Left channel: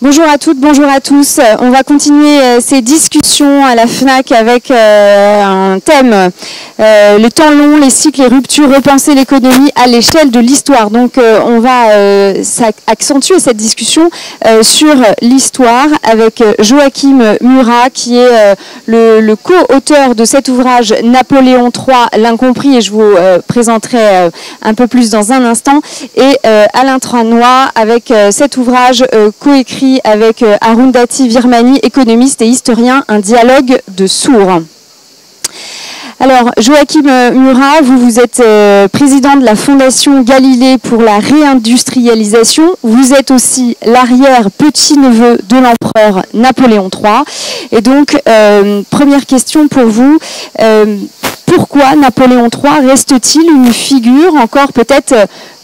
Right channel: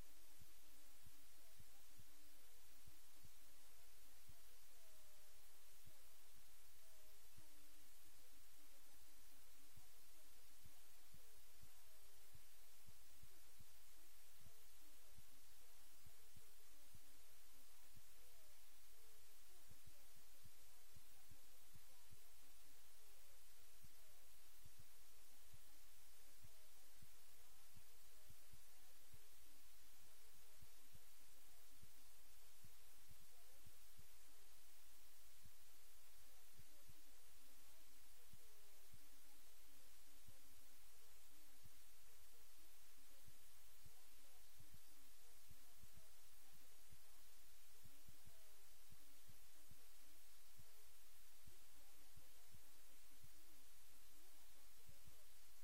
Bonjour à toutes, bonjour à tous. On va continuer ces discussions à la FNAC avec un thème, le temps long, les cycles et ruptures, repenser l'économie à l'échelle de l'histoire. Donc on va accentuer cette discussion sur l'histoire avec Joachim Murat qui est le co-auteur de cet ouvrage Napoléon III, l'incompris, et je vous présenterai un peu plus dans un instant, et Alain Tranois avec cet ouvrage coécrit avec Arundhati Virmani, économiste et historien, un dialogue de sourds. Alors, Joachim Murat, vous êtes président de la Fondation Galilée pour la réindustrialisation. Vous êtes aussi l'arrière-petit-neveu de l'empereur Napoléon III. Et donc, première question pour vous. Pourquoi Napoléon III reste-t-il une figure encore peut-être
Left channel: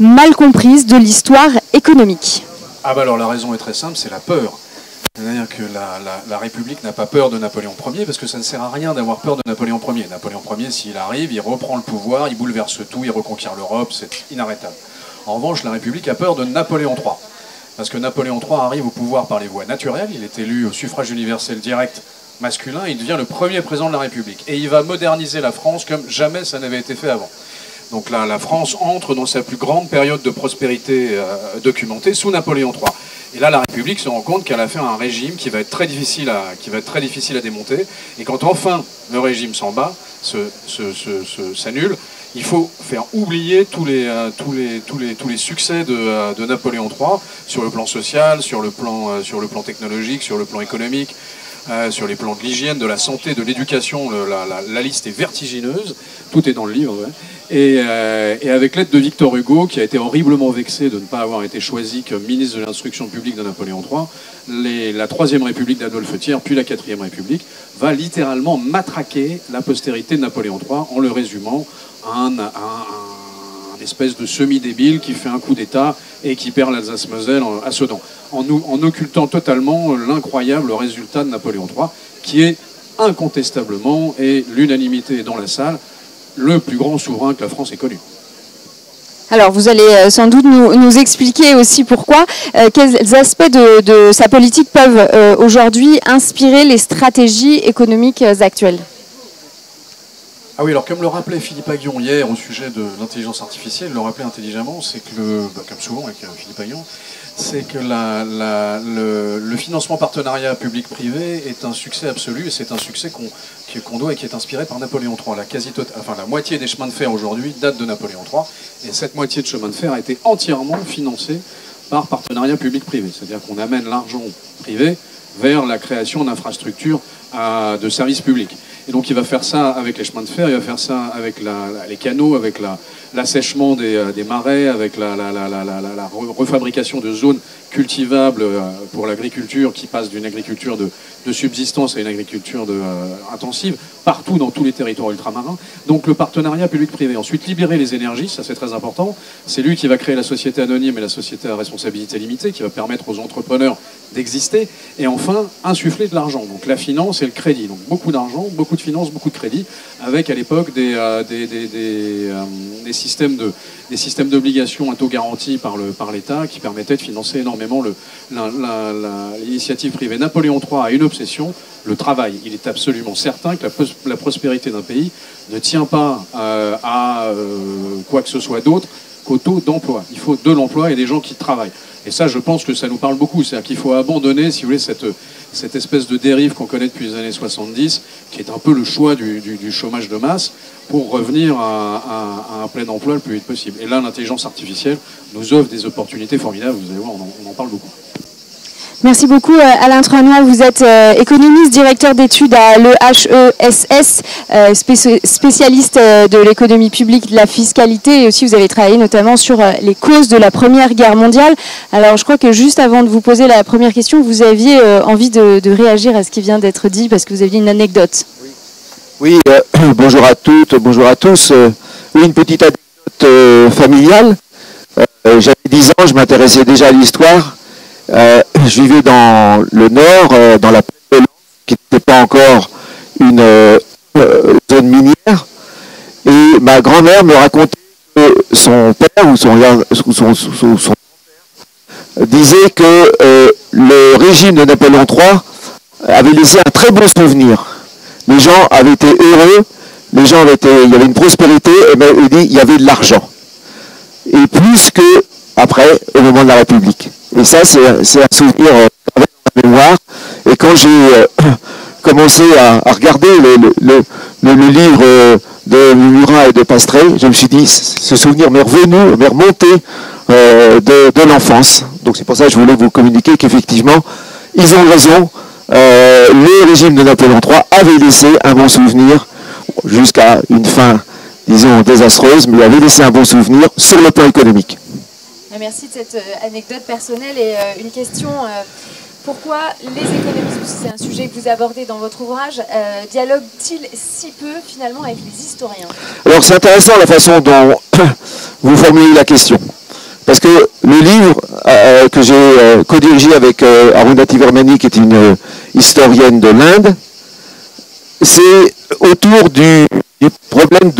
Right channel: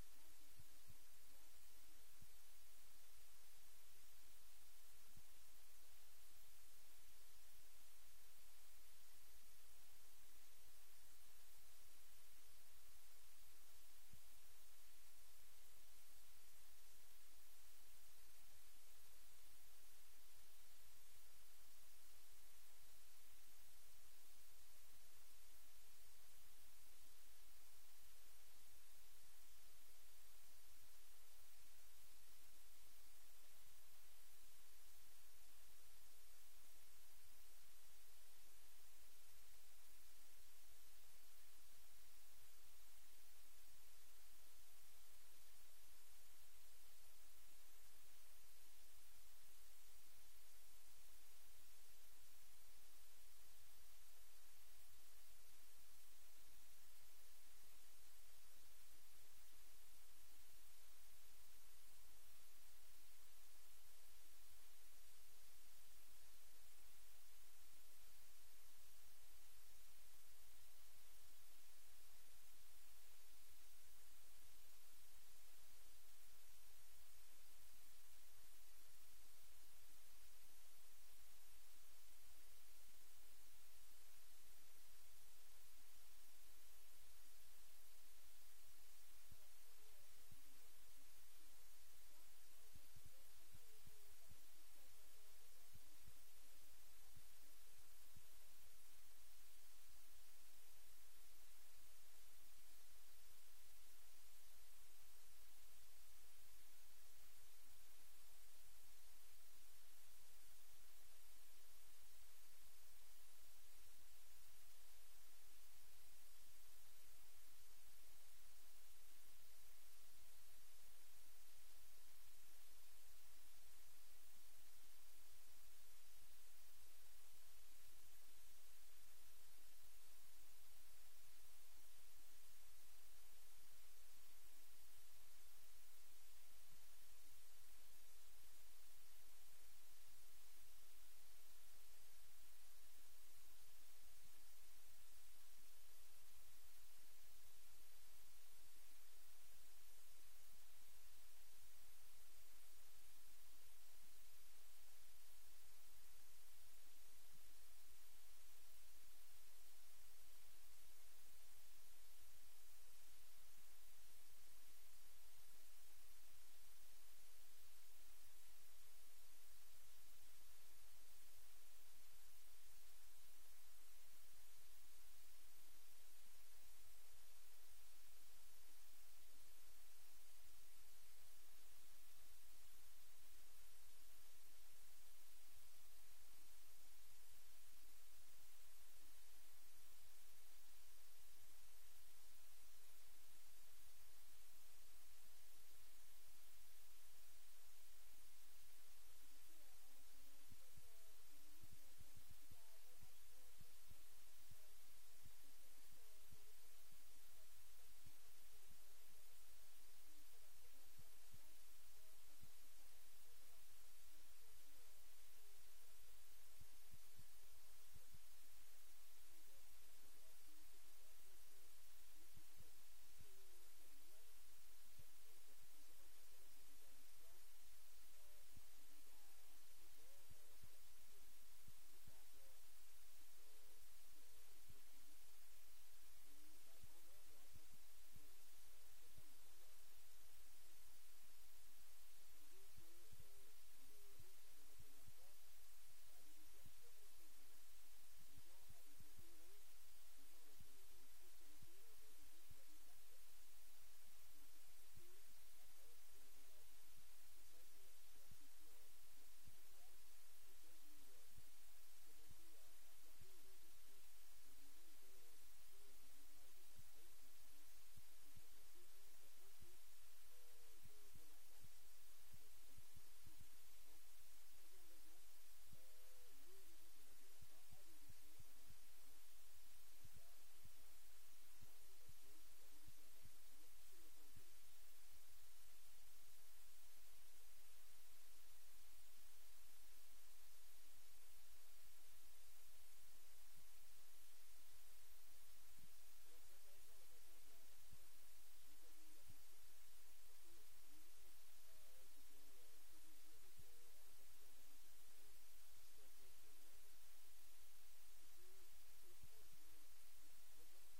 mal comprise de l'histoire économique ? Ah bah alors la raison est très simple, c'est la peur. C'est-à-dire que la République n'a pas peur de Napoléon Ier parce que ça ne sert à rien d'avoir peur de Napoléon Ier. Napoléon Ier, s'il arrive, il reprend le pouvoir, il bouleverse tout, il reconquiert l'Europe, c'est inarrêtable. En revanche, la République a peur de Napoléon III. Parce que Napoléon III arrive au pouvoir par les voies naturelles, il est élu au suffrage universel direct masculin, il devient le premier président de la République. Et il va moderniser la France comme jamais ça n'avait été fait avant. Donc là, la France entre dans sa plus grande période de prospérité documentée sous Napoléon III. Et là, la République se rend compte qu'elle a fait un régime qui va être très difficile à démonter. Et quand enfin le régime s'en bat, s'annule, il faut faire oublier tous les succès de Napoléon III sur le plan social, sur le plan technologique, sur le plan économique. Sur les plans de l'hygiène, de la santé, de l'éducation, la liste est vertigineuse, tout est dans le livre. Ouais. Et avec l'aide de Victor Hugo, qui a été horriblement vexé de ne pas avoir été choisi comme ministre de l'instruction publique de Napoléon III, la Troisième République d'Adolphe Thiers, puis la Quatrième République, va littéralement matraquer la postérité de Napoléon III en le résumant à un espèce de semi-débile qui fait un coup d'État et qui perd l'Alsace-Moselle à Sedan, en occultant totalement l'incroyable résultat de Napoléon III, qui est incontestablement, et l'unanimité est dans la salle, le plus grand souverain que la France ait connu. Alors, vous allez sans doute nous expliquer aussi pourquoi, quels aspects de sa politique peuvent aujourd'hui inspirer les stratégies économiques actuelles. Ah oui, alors comme le rappelait Philippe Aghion hier au sujet de l'intelligence artificielle, le rappelait intelligemment, c'est que, comme souvent avec Philippe Aghion, c'est que le financement partenariat public-privé est un succès absolu et c'est un succès qu'on doit et qui est inspiré par Napoléon III. La moitié des chemins de fer aujourd'hui date de Napoléon III et cette moitié de chemin de fer a été entièrement financée par partenariat public-privé. C'est-à-dire qu'on amène l'argent privé vers la création d'infrastructures de services publics. Et donc il va faire ça avec les chemins de fer, il va faire ça avec les canaux, avec l'assèchement des marais, avec la refabrication de zones cultivables pour l'agriculture qui passe d'une agriculture de subsistance à une agriculture intensive, partout dans tous les territoires ultramarins. Donc le partenariat public-privé. Ensuite, libérer les énergies, ça c'est très important. C'est lui qui va créer la société anonyme et la société à responsabilité limitée, qui va permettre aux entrepreneurs d'exister. Et enfin, insuffler de l'argent. Donc la finance et le crédit. Donc beaucoup d'argent, beaucoup de finances, beaucoup de crédit, avec à l'époque des systèmes d'obligations à taux garantis par l'État qui permettaient de financer énormément l'initiative privée. Napoléon III a une obsession, le travail. Il est absolument certain que la prospérité d'un pays ne tient pas à quoi que ce soit d'autre qu'au taux d'emploi. Il faut de l'emploi et des gens qui travaillent. Et ça, je pense que ça nous parle beaucoup. C'est-à-dire qu'il faut abandonner, si vous voulez, cette espèce de dérive qu'on connaît depuis les années 70, qui est un peu le choix du chômage de masse, pour revenir à un plein emploi le plus vite possible. Et là, l'intelligence artificielle nous offre des opportunités formidables. Vous allez voir, on en parle beaucoup. Merci beaucoup Alain Tranois, vous êtes économiste, directeur d'études à l'EHESS, spécialiste de l'économie publique, de la fiscalité, et aussi vous avez travaillé notamment sur les causes de la Première Guerre mondiale. Alors je crois que juste avant de vous poser la première question, vous aviez envie de réagir à ce qui vient d'être dit parce que vous aviez une anecdote. Oui, bonjour à toutes, bonjour à tous. Oui, une petite anecdote familiale. J'avais 10 ans, je m'intéressais déjà à l'histoire. Je vivais dans le nord, dans la plaine de Lens, qui n'était pas encore une zone minière. Et ma grand-mère me racontait que son père ou son grand-père disait que le régime de Napoléon III avait laissé un très bon souvenir. Les gens avaient été heureux, les gens il y avait une prospérité, et bien, il dit il y avait de l'argent. Et plus que après, au moment de la République. Et ça, c'est un souvenir avec la mémoire. Et quand j'ai commencé à regarder le livre de Murat et de Pastré, je me suis dit, ce souvenir m'est revenu, m'est remonté de l'enfance. Donc c'est pour ça que je voulais vous communiquer qu'effectivement, ils ont raison. Le régime de Napoléon III avait laissé un bon souvenir, jusqu'à une fin, disons, désastreuse, mais il avait laissé un bon souvenir sur le plan économique. Merci de cette anecdote personnelle et une question. Pourquoi les économistes, c'est un sujet que vous abordez dans votre ouvrage, dialoguent-ils si peu finalement avec les historiens? Alors c'est intéressant la façon dont vous formulez la question. Parce que le livre que j'ai co-dirigé avec Arundhati Virmani, qui est une historienne de l'Inde, c'est autour du problème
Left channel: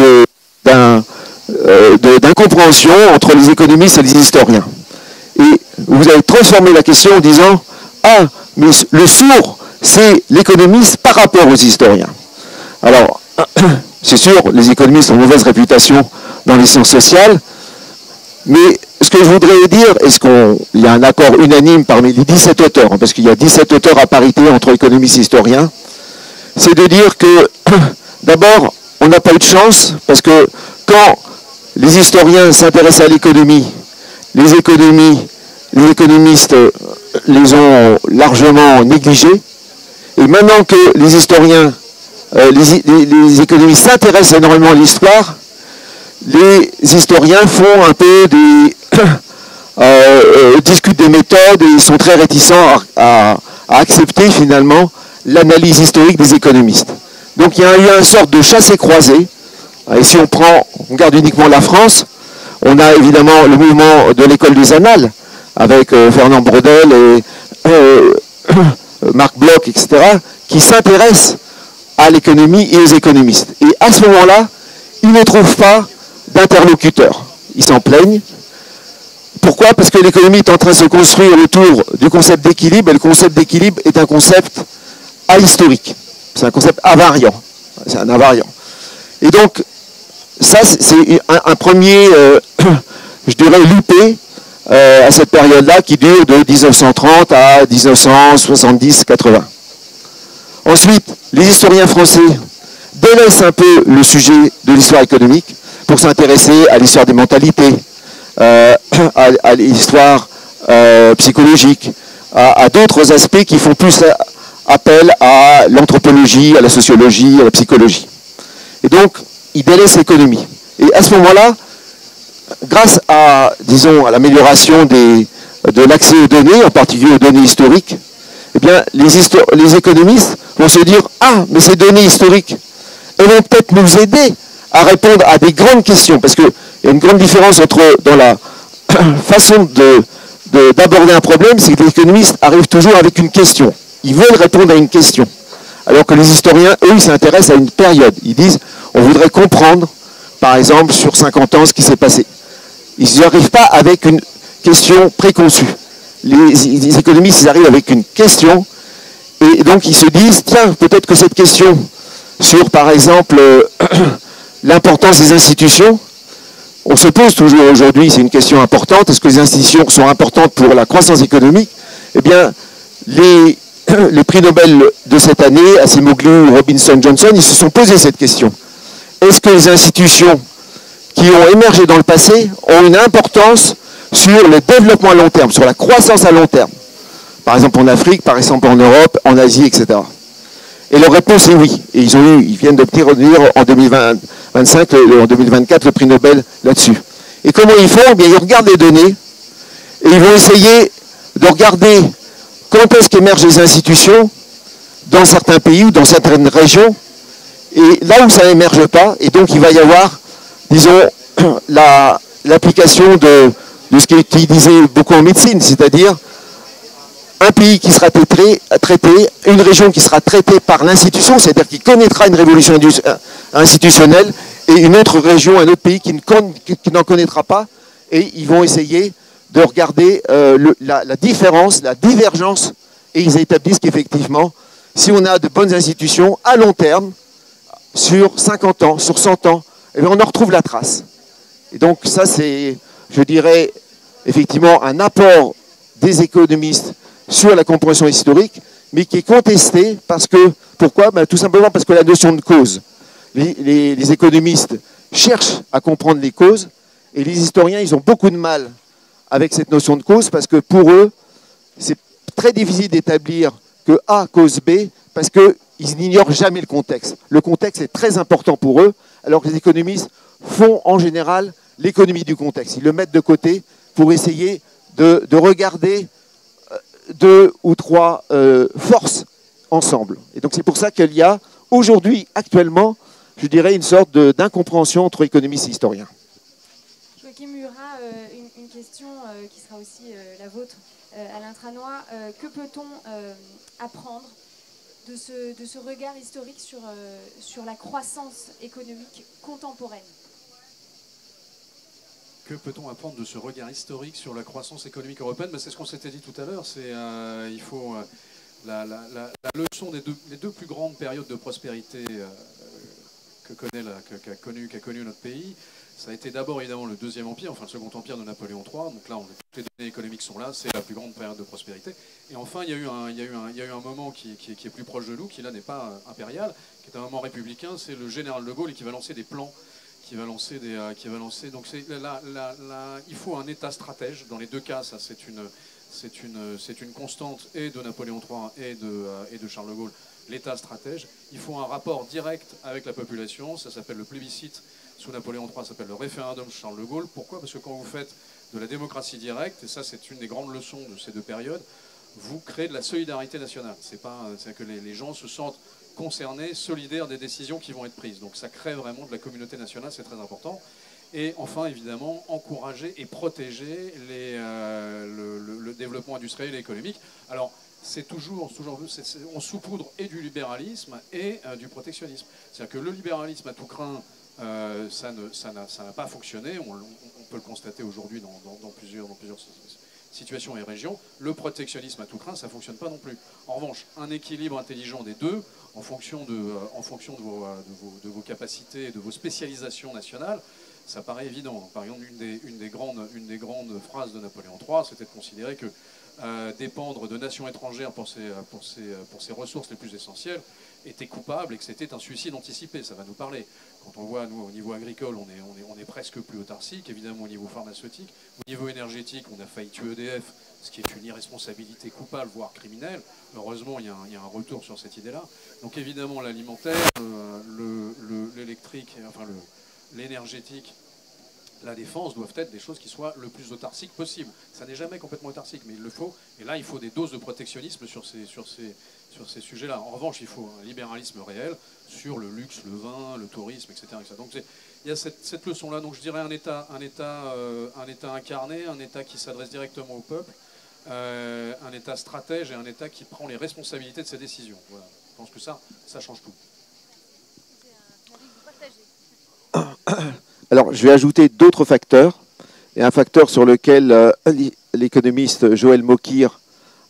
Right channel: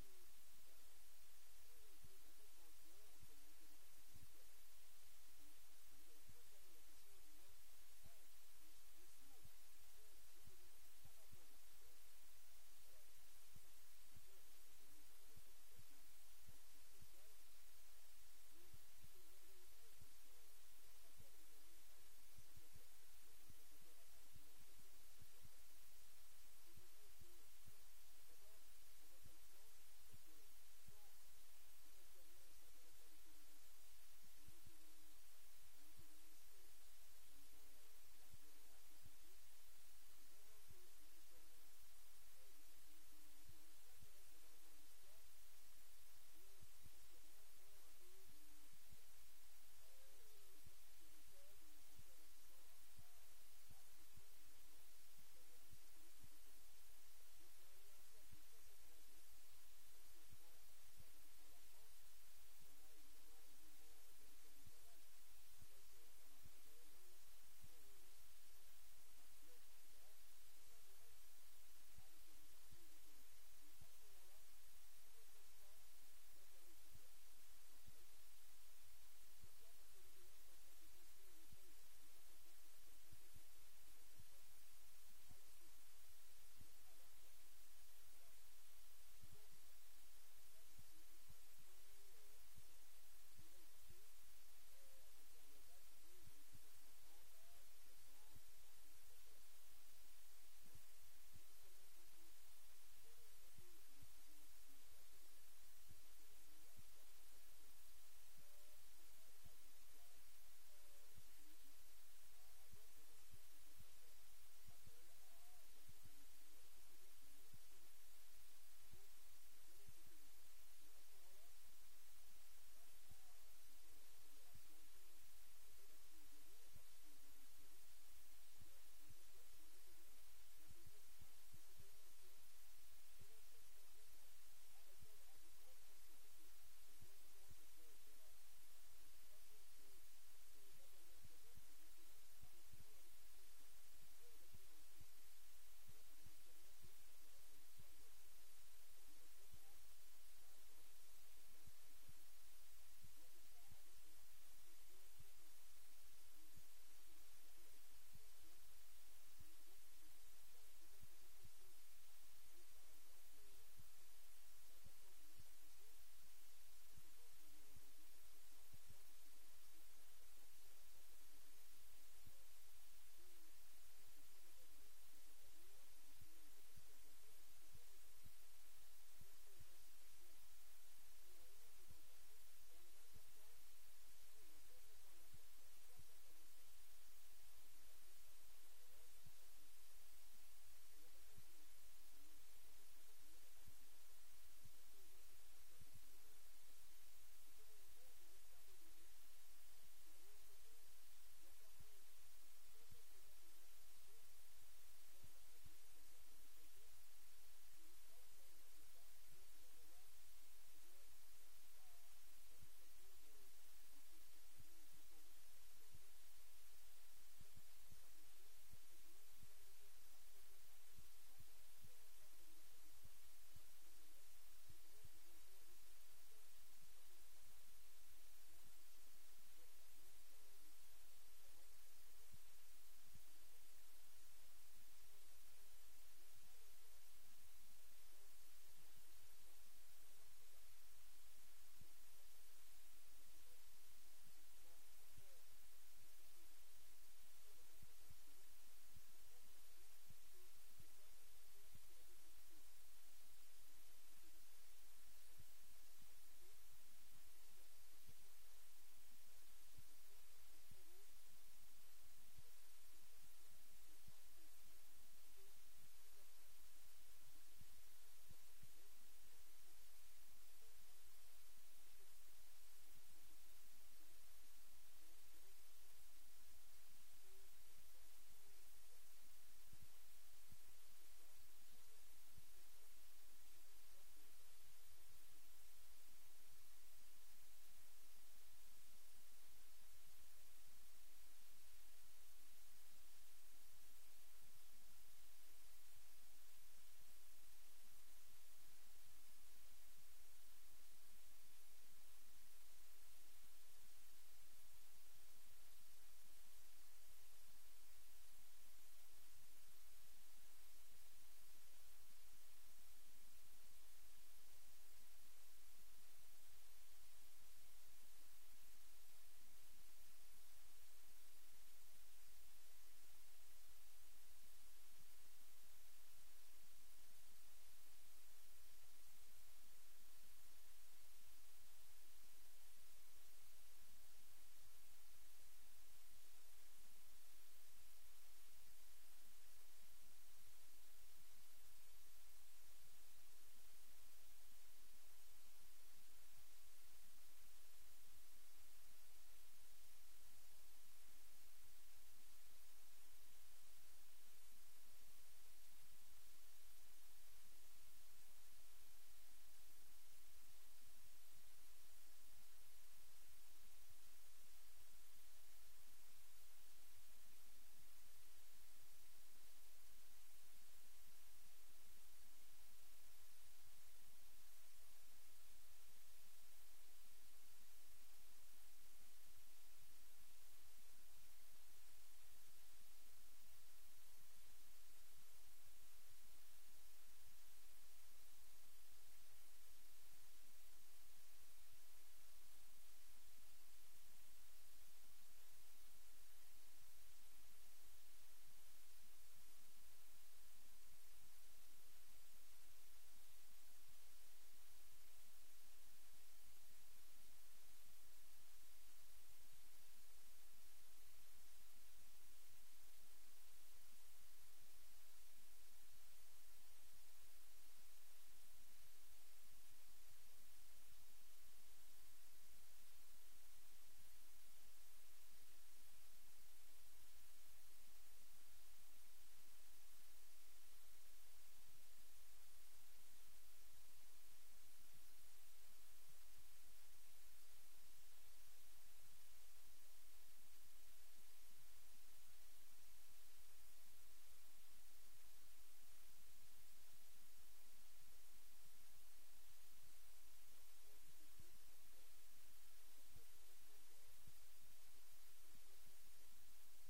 d'incompréhension entre les économistes et les historiens. Et vous avez transformé la question en disant « Ah, mais le sourd, c'est l'économiste par rapport aux historiens. » Alors, c'est sûr, les économistes ont une mauvaise réputation dans les sciences sociales, mais ce que je voudrais dire, est-ce qu'il y a un accord unanime parmi les 17 auteurs, parce qu'il y a 17 auteurs à parité entre économistes et historiens, c'est de dire que, d'abord, on n'a pas eu de chance, parce que quand les historiens s'intéressent à l'économie, les économistes les ont largement négligés, et maintenant que les historiens, les économistes s'intéressent énormément à l'histoire, les historiens font un peu discutent des méthodes et sont très réticents à accepter finalement l'analyse historique des économistes. Donc il y a eu une sorte de chassé-croisé. Et si on regarde uniquement la France, on a évidemment le mouvement de l'école des annales, avec Fernand Braudel et Marc Bloch, etc., qui s'intéressent à l'économie et aux économistes. Et à ce moment-là, ils ne trouvent pas d'interlocuteurs. Ils s'en plaignent. Pourquoi? Parce que l'économie est en train de se construire autour du concept d'équilibre, et le concept d'équilibre est un concept ahistorique. C'est un concept invariant. C'est un invariant. Et donc, ça, c'est un premier, je dirais, loupé à cette période-là qui dure de 1930 à 1970-80. Ensuite, les historiens français délaissent un peu le sujet de l'histoire économique pour s'intéresser à l'histoire des mentalités, à l'histoire psychologique, à d'autres aspects qui font plus appel à l'anthropologie, à la sociologie, à la psychologie. Et donc, ils délaissent l'économie. Et à ce moment-là, grâce à, disons, à l'amélioration de l'accès aux données, en particulier aux données historiques, eh bien, les économistes vont se dire « Ah, mais ces données historiques, elles vont peut-être nous aider à répondre à des grandes questions. » Parce qu'il y a une grande différence dans la façon d'aborder un problème, c'est que les économistes arrivent toujours avec une question. Ils veulent répondre à une question. Alors que les historiens, eux, ils s'intéressent à une période. Ils disent, on voudrait comprendre, par exemple, sur 50 ans, ce qui s'est passé. Ils n'y arrivent pas avec une question préconçue. Les économistes, ils arrivent avec une question, et donc ils se disent, tiens, peut-être que cette question sur, par exemple, l'importance des institutions, on se pose toujours aujourd'hui, c'est une question importante, est-ce que les institutions sont importantes pour la croissance économique? Eh bien, les prix Nobel de cette année, Acemoglu, Robinson, Johnson, ils se sont posé cette question. Est-ce que les institutions qui ont émergé dans le passé ont une importance sur le développement à long terme, sur la croissance à long terme? Par exemple en Afrique, par exemple en Europe, en Asie, etc. Et leur réponse est oui. Et ils viennent d'obtenir en 2025, en 2024, le prix Nobel là-dessus. Et comment ils font? Eh bien, ils regardent les données et ils vont essayer de regarder quand est-ce qu'émergent les institutions dans certains pays ou dans certaines régions, et là où ça n'émerge pas, et donc il va y avoir, disons, l'application de ce qui est utilisé beaucoup en médecine, c'est-à-dire un pays qui sera traité, une région qui sera traitée par l'institution, c'est-à-dire qui connaîtra une révolution institutionnelle, et une autre région, un autre pays qui n'en connaîtra pas, et ils vont essayer de regarder la différence, la divergence, et ils établissent qu'effectivement, si on a de bonnes institutions à long terme, sur 50 ans, sur 100 ans, eh bien on en retrouve la trace. Et donc ça, c'est, je dirais, effectivement un apport des économistes sur la compréhension historique, mais qui est contesté parce que, pourquoi? Tout simplement parce que la notion de cause, les économistes cherchent à comprendre les causes, et les historiens, ils ont beaucoup de mal avec cette notion de cause, parce que pour eux, c'est très difficile d'établir que A cause B, parce qu'ils n'ignorent jamais le contexte. Le contexte est très important pour eux, alors que les économistes font en général l'économie du contexte. Ils le mettent de côté pour essayer de regarder deux ou trois forces ensemble. Et donc c'est pour ça qu'il y a aujourd'hui, actuellement, je dirais une sorte d'incompréhension entre économistes et historiens. Joachim Murat, une question qui sera aussi la vôtre. Alain Tranois, que peut-on apprendre de ce regard historique sur la croissance économique contemporaine? Que peut-on apprendre de ce regard historique sur la croissance économique européenne? C'est ce qu'on s'était dit tout à l'heure. Il faut la leçon des deux plus grandes périodes de prospérité qu'a connu notre pays. Ça a été d'abord évidemment le Deuxième Empire, enfin le Second Empire de Napoléon III. Donc là, toutes les données économiques sont là, c'est la plus grande période de prospérité. Et enfin, il y a eu un moment qui est plus proche de nous, qui là n'est pas impérial, qui est un moment républicain. C'est le général de Gaulle qui va lancer des plans, qui va lancer. Donc il faut un État stratège. Dans les deux cas, ça c'est une constante et de Napoléon III et de Charles de Gaulle. L'État stratège. Il faut un rapport direct avec la population. Ça s'appelle le plébiscite. Sous Napoléon III, ça s'appelle le référendum Charles de Gaulle. Pourquoi? Parce que quand vous faites de la démocratie directe, et ça c'est une des grandes leçons de ces deux périodes, vous créez de la solidarité nationale. C'est que les gens se sentent concernés, solidaires des décisions qui vont être prises. Donc ça crée vraiment de la communauté nationale, c'est très important. Et enfin, évidemment, encourager et protéger le développement industriel et économique. Alors, on saupoudre et du libéralisme et du protectionnisme. C'est-à-dire que le libéralisme à tout crin, ça n'a pas fonctionné. On peut le constater aujourd'hui dans plusieurs situations et régions. Le protectionnisme à tout crin, ça ne fonctionne pas non plus. En revanche, un équilibre intelligent des deux, en fonction de vos capacités et de vos spécialisations nationales, ça paraît évident. Par exemple, une des grandes phrases de Napoléon III, c'était de considérer que dépendre de nations étrangères pour ses ressources les plus essentielles était coupable et que c'était un suicide anticipé. Ça va nous parler. Quand on voit, nous, au niveau agricole, on est presque plus autarcique. Évidemment, au niveau pharmaceutique, au niveau énergétique, on a failli tuer EDF, ce qui est une irresponsabilité coupable, voire criminelle. Heureusement, il y a un retour sur cette idée-là. Donc évidemment, l'alimentaire, l'électrique, enfin l'énergétique, la défense doivent être des choses qui soient le plus autarciques possible. Ça n'est jamais complètement autarcique, mais il le faut. Et là, il faut des doses de protectionnisme sur ces sujets-là. En revanche, il faut un libéralisme réel sur le luxe, le vin, le tourisme, etc. Donc il y a cette leçon-là. Donc je dirais un État incarné, un État qui s'adresse directement au peuple, un État stratège et un État qui prend les responsabilités de ses décisions. Voilà. Je pense que ça change tout. Alors, je vais ajouter d'autres facteurs, et un facteur sur lequel l'économiste Joël Mokyr,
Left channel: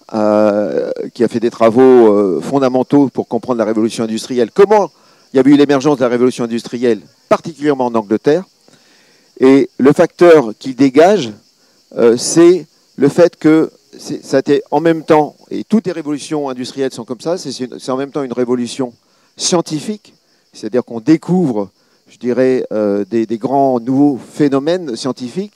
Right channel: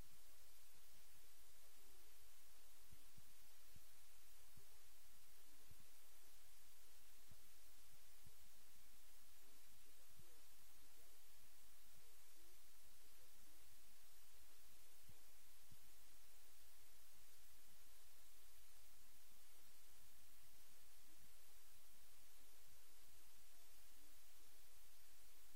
qui a fait des travaux fondamentaux pour comprendre la révolution industrielle, comment il y a eu l'émergence de la révolution industrielle, particulièrement en Angleterre, et le facteur qu'il dégage, c'est le fait que ça a été en même temps, et toutes les révolutions industrielles sont comme ça, c'est en même temps une révolution scientifique, c'est-à-dire qu'on découvre, je dirais, des grands nouveaux phénomènes scientifiques,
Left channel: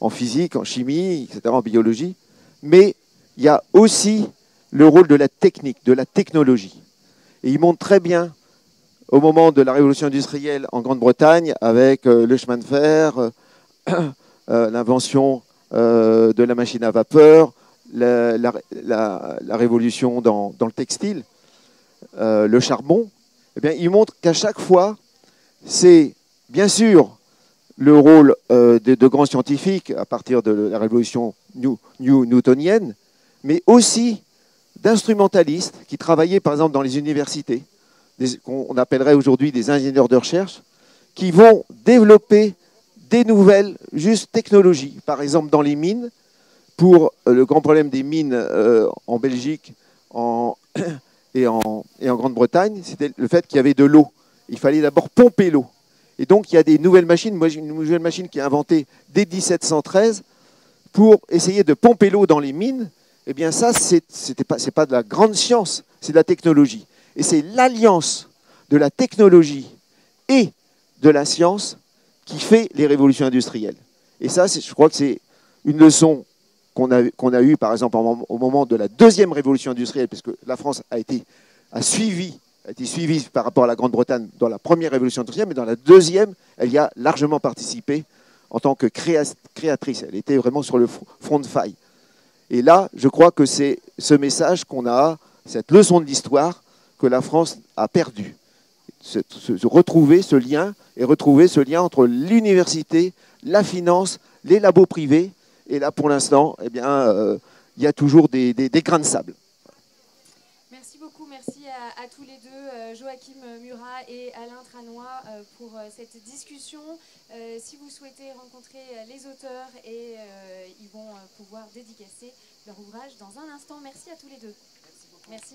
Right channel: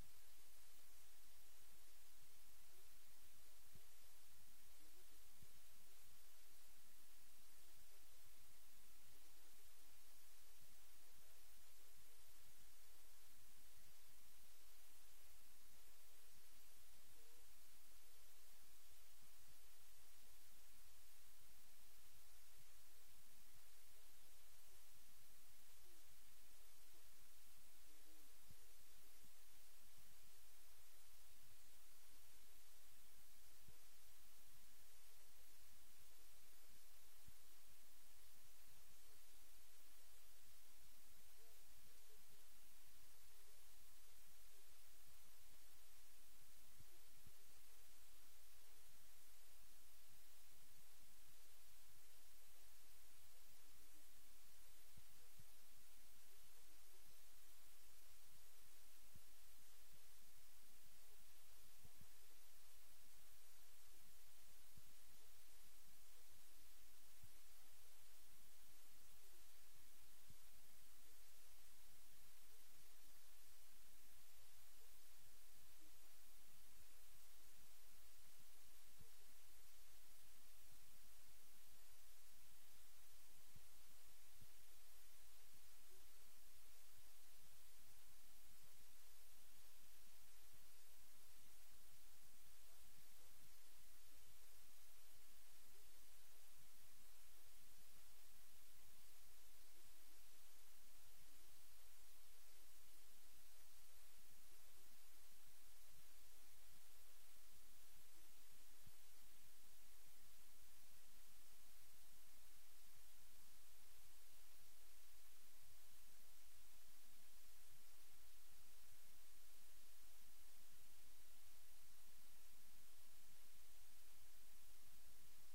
en physique, en chimie, etc., en biologie, mais il y a aussi le rôle de la technique, de la technologie. Et il montre très bien, au moment de la révolution industrielle en Grande-Bretagne, avec le chemin de fer, l'invention de la machine à vapeur, la révolution dans le textile, le charbon, eh bien, il montre qu'à chaque fois, c'est bien sûr le rôle de grands scientifiques à partir de la révolution newtonienne, mais aussi d'instrumentalistes qui travaillaient par exemple dans les universités, qu'on appellerait aujourd'hui des ingénieurs de recherche, qui vont développer des nouvelles technologies. Par exemple, dans les mines, pour le grand problème des mines en Belgique et en Grande-Bretagne, c'était le fait qu'il y avait de l'eau. Il fallait d'abord pomper l'eau. Et donc, il y a des nouvelles machines. Moi, j'ai une nouvelle machine qui est inventée dès 1713 pour essayer de pomper l'eau dans les mines. Eh bien, ça, c'est pas de la grande science, c'est de la technologie. Et c'est l'alliance de la technologie et de la science qui fait les révolutions industrielles. Et ça, je crois que c'est une leçon qu'on a eue, par exemple, au moment de la deuxième révolution industrielle, parce que la France a été suivie par rapport à la Grande-Bretagne dans la première révolution industrielle, mais dans la deuxième, elle y a largement participé en tant que créatrice. Elle était vraiment sur le front de faille. Et là, je crois que c'est ce message qu'on a, cette leçon de l'histoire que la France a perdue. Retrouver ce lien entre l'université, la finance, les labos privés. Et là, pour l'instant, eh bien, il y a toujours des grains de sable. Merci beaucoup, merci à tous les deux, Joachim Murat et Alain Tranois, pour cette discussion. Si vous souhaitez rencontrer les auteurs, ils vont pouvoir dédicacer leur ouvrage dans un instant. Merci à tous les deux. Merci beaucoup. Merci.